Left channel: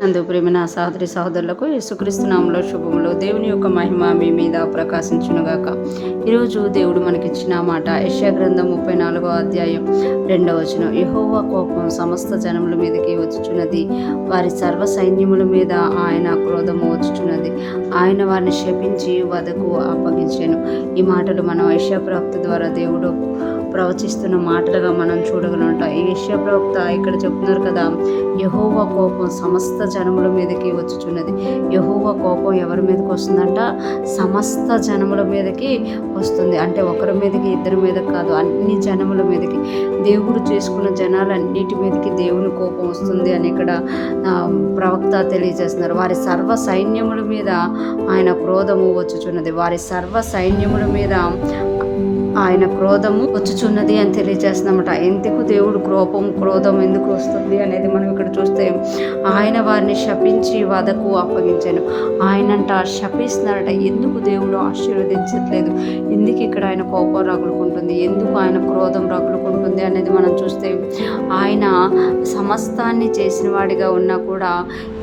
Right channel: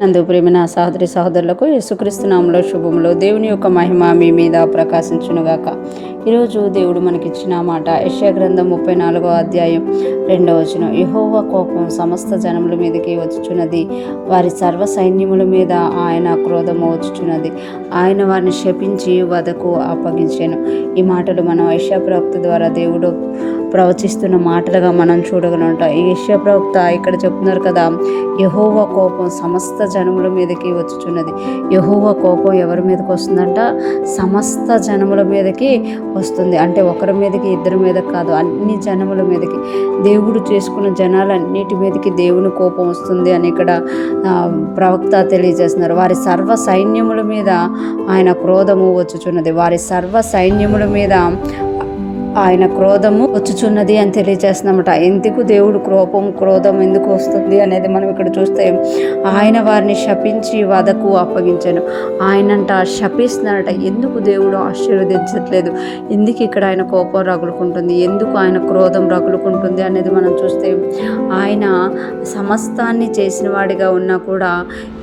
నందు ప్రేమైన సహోదరి సహోదరులకు యేసుక్రీస్తు నామములో శుభములు. దేవుని యొక్క మహిమ మీ మీద ప్రకాశించునుగాక. ఈరోజు దేవుడు మనకిచ్చిన మాట యెషయా గ్రంథం 34వ అధ్యాయం 2వ వచనం. యెహోవా కోపం సమస్త జనముల మీదకి వచ్చుచున్నది, వారి సర్వ సైన్యముల మీద ఆయన క్రోధము వచ్చుచున్నది, ఆయన వారిని శపించి వధకు అప్పగించెను. ఈ మాటలు మనం యెషయా ప్రవక్త ద్వారా దేవుడు ప్రవచిస్తున్న మాటలుగా మనం చూడగలంట. ఈ యెషయా ప్రవక్త ఇక్కడ చెప్తున్నారు కదా, యెహోవా కోపం సమస్త జనముల మీదకి వచ్చుచున్నది. యెహోవా కోపం ఎవరి మీదకి వస్తుందంట? సమస్త జనముల మీదకి వస్తుంది. అంటే ఒకరి మీదకి ఇద్దరి మీద కాదు, అన్ని జనముల మీదకి, దేవుడు చేసుకున్న జనాలన్నిటి మీదకి దేవుని కోపం వస్తుంది అని ఇక్కడ ప్రవక్త తెలియజేస్తున్నారు. వారి సర్వ సైన్యముల మీద ఆయన క్రోధము వచ్చుచున్నది, వారి సర్వ సైన్యముల మీద ఆయన క్రోధము వచ్చుచున్నది అని తెలియజేస్తున్నామట. ఎందుకు దేవుడు క్రోధం ఎందుకు వస్తుంది అనేది మనం ఇక్కడ చూస్తే, ఆయన వారిని శపించి వధకు అప్పగించాను. ఆయనంట శపిస్తున్నాడట. ఎందుకు దేవుడు ఆశీర్వదించట్లేదు, ఎందుకు ఇక్కడ ఆయన కోపం రగులుకుంటుంది, ఎందుకు ఆయన క్రోధం రగులుకుంటుంది అనేది మనం చూస్తే, ఆయన సమస్తాన్ని చేసిన వాడిగా ఉన్నా కూడా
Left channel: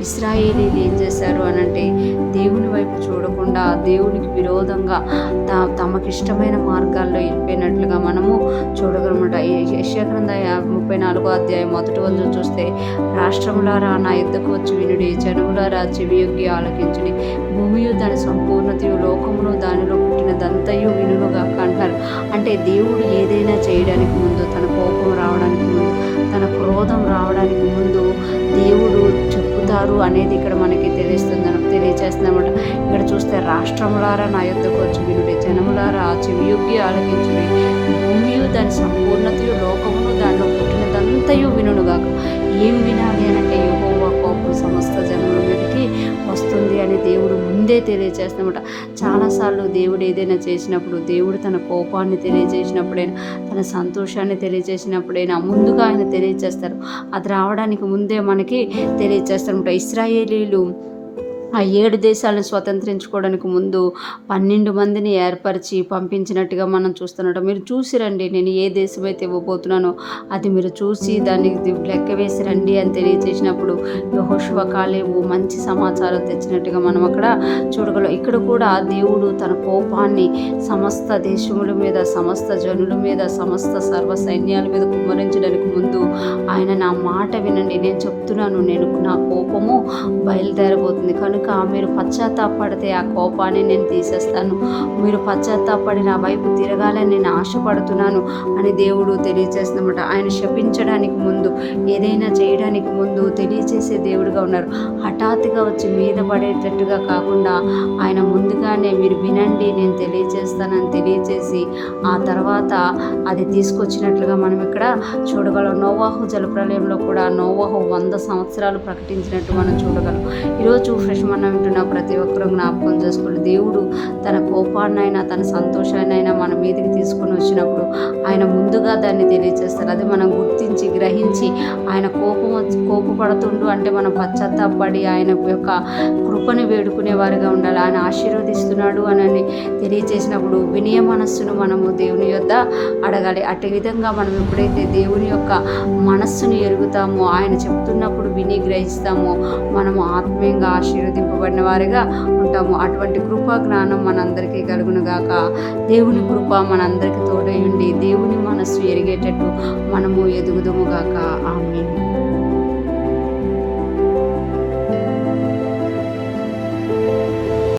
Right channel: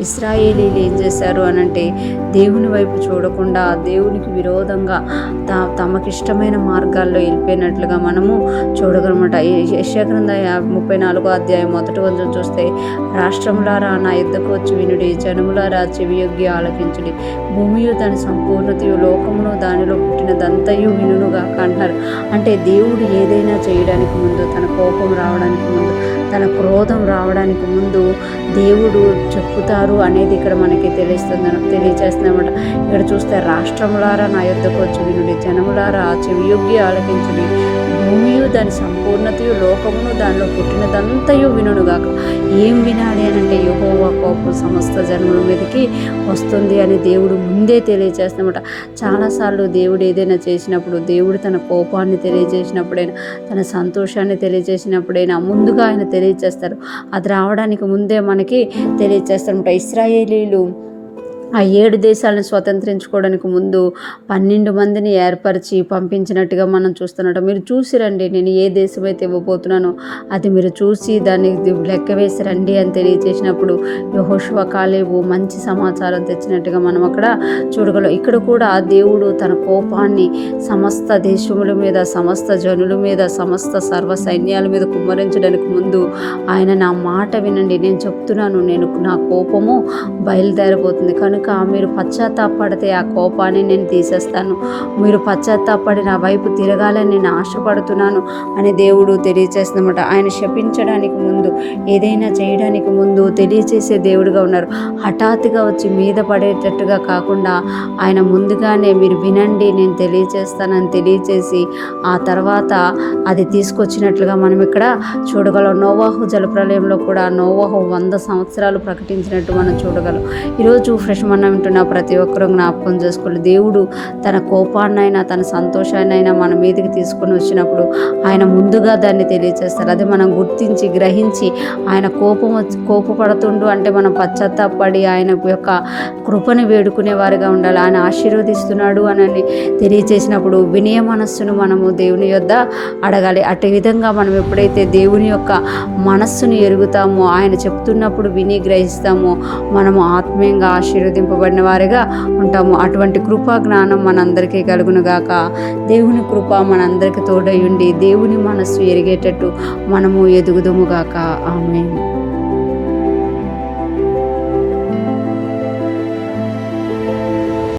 ఇశ్రాయేలీలు ఏం చేశారు అనంటే, దేవుని వైపు చూడకుండా దేవునికి విరోధంగా తమకిష్టమైన మార్గాల్లో వెళ్ళిపోయినట్లుగా మనము చూడగలమట. ఈ యెషయా గ్రంథం 34వ అధ్యాయం 1వ వచనం చూస్తే, రాష్ట్రములారా నా యుద్ధకు వచ్చి వినుడి, జనములారా చెవియొగ్గి ఆలకించుడి, భూమియు దాని సంపూర్ణతయు లోకమును దానిలో పుట్టినదంతయు వినుగాక అంటున్నారు. అంటే దేవుడు ఏదైనా చేయడానికి ముందు, తన కోపం రావడానికి ముందు, తన క్రోధం రావడానికి ముందు దేవుడు చెప్పుతారు అనేది ఇక్కడ మనకి తెలియజేస్తున్నామట. ఇక్కడ చూస్తే, రాష్ట్రములారా నా యుద్ధకు వచ్చి వినుడి, జనములారా చెవియొగ్గి ఆలకించుడి, భూమియు దాని సంపూర్ణతయు లోకమును దానిలో పుట్టినదంతయు వినుగాక. ఏం వినాలి అని అంటే, యెహోవా కోపం సమస్త జనముల మీదకి వస్తుంది అని దేవుడు ముందే తెలియజేస్తున్నమాట. చాలాసార్లు దేవుడు ఏదైనా చేసినప్పుడు, దేవుడు తన కోపాన్ని తెలియజేసినప్పుడైనా, తన సంతోషాన్ని తెలియజేసినప్పుడైనా ముందుగా ఆయన తెలియజేస్తారు. అది రావడానికి ముందే మనకి తెలియజేస్తారన్నమాట. ఇశ్రాయేలీలు ఆ 7 దేశాలను స్వతంత్రించుకోవడానికి ముందు 12 మందిని ఏర్పరిచి పంపించినట్టుగా మనం చూస్తున్నాం. మీరు చూసి రండి, నేను ఏ దేశం అయితే ఇవ్వబోతున్నానో అది మీరు చూసి దాన్ని లెక్క వేసి రండి అని తెలియజేసినప్పుడు యెహోషువ, కాలేబు మంచి సమాచారం తెచ్చినట్టుగా మనం అక్కడ చూడగలం. ఇక్కడ కూడా దేవుడు తన కోపాన్ని సమస్త దేశముల మీద, సమస్త జనుల మీద, సమస్త సర్వ సైన్యాల మీద కుమ్మరించడానికి ముందు ఆయన, నా మాట వినండి, నేను చెప్తున్నాను, నా కోపము బయలుదేరబోతుంది కనుక మీరు పశ్చాత్తాపడితే ఆ కోపాన్ని నేను తీసేస్తాను, మీరు పశ్చాత్తాపడి నా వైపు తిరగాలని నేను ఆశపడుతున్నాను అని దేవుడు తెలియజేస్తున్నమాట. ఆయన శపించడానికి ముందు, ఏదైనా చేయడానికి ముందు తెలియజేసే దేవుడిగా ఉన్నారు. హఠాత్తుగా వచ్చి మీద పడేటట్టుగా కాకుండా ఆయన ముందుగానే మీరు వినండి, నేను తెలియజేస్తానని తెలియజేసి ఆ తర్వాత అది తీసుకొచ్చినట్లుగా మనం ఇక్కడ చూడగలం. నోవాహు జలప్రలయంలో కూడా నోవాహు 100 సంవత్సరాలు ప్రకటించినట్టు మనం చూడగలం. ఈరోజు ఫ్రెష్ మనం వింటున్న ప్రతి ఒక్కరూ జ్ఞాపకం చేసుకోవాలి, దేవుడు తన కోపాన్నైనా తన సంతోషాన్నైనా మన మీదకి తీసుకొని వచ్చినప్పుడు ఆయన ముందుగా దాన్ని తెలియజేస్తారు. అది మనం గుర్తించి గ్రహించి ఆయన కోపపడుతుండు అంటే మనం పశ్చాత్తాపడి ఆయన యొక్క కృపను వేడుకునే వారిగా ఉండాలి. ఆయన ఆశీర్వదిస్తున్నాడు అని తెలియజేసినప్పుడు వినయ మనస్సును మనము దేవుని యొద్ద అడగాలి. అటు విధంగా మనం ఎప్పుడైతే దేవుని యొక్క మనస్సును ఎరుగుతామో, ఆయన చెప్తున్నప్పుడు విని గ్రహిస్తామో, మనము ఆత్మీయంగా ఆశీర్వదింపబడిన వారిగా ఉంటాము. అటువంటి కృపా జ్ఞానం మనందరికీ కలుగునుగాక. దేవుని కృప మనందరికీ తోడై ఉండి దేవుని మనస్సు ఎరిగేటట్టు మనము ఎదుగుదుముగాక. ఆమేన్.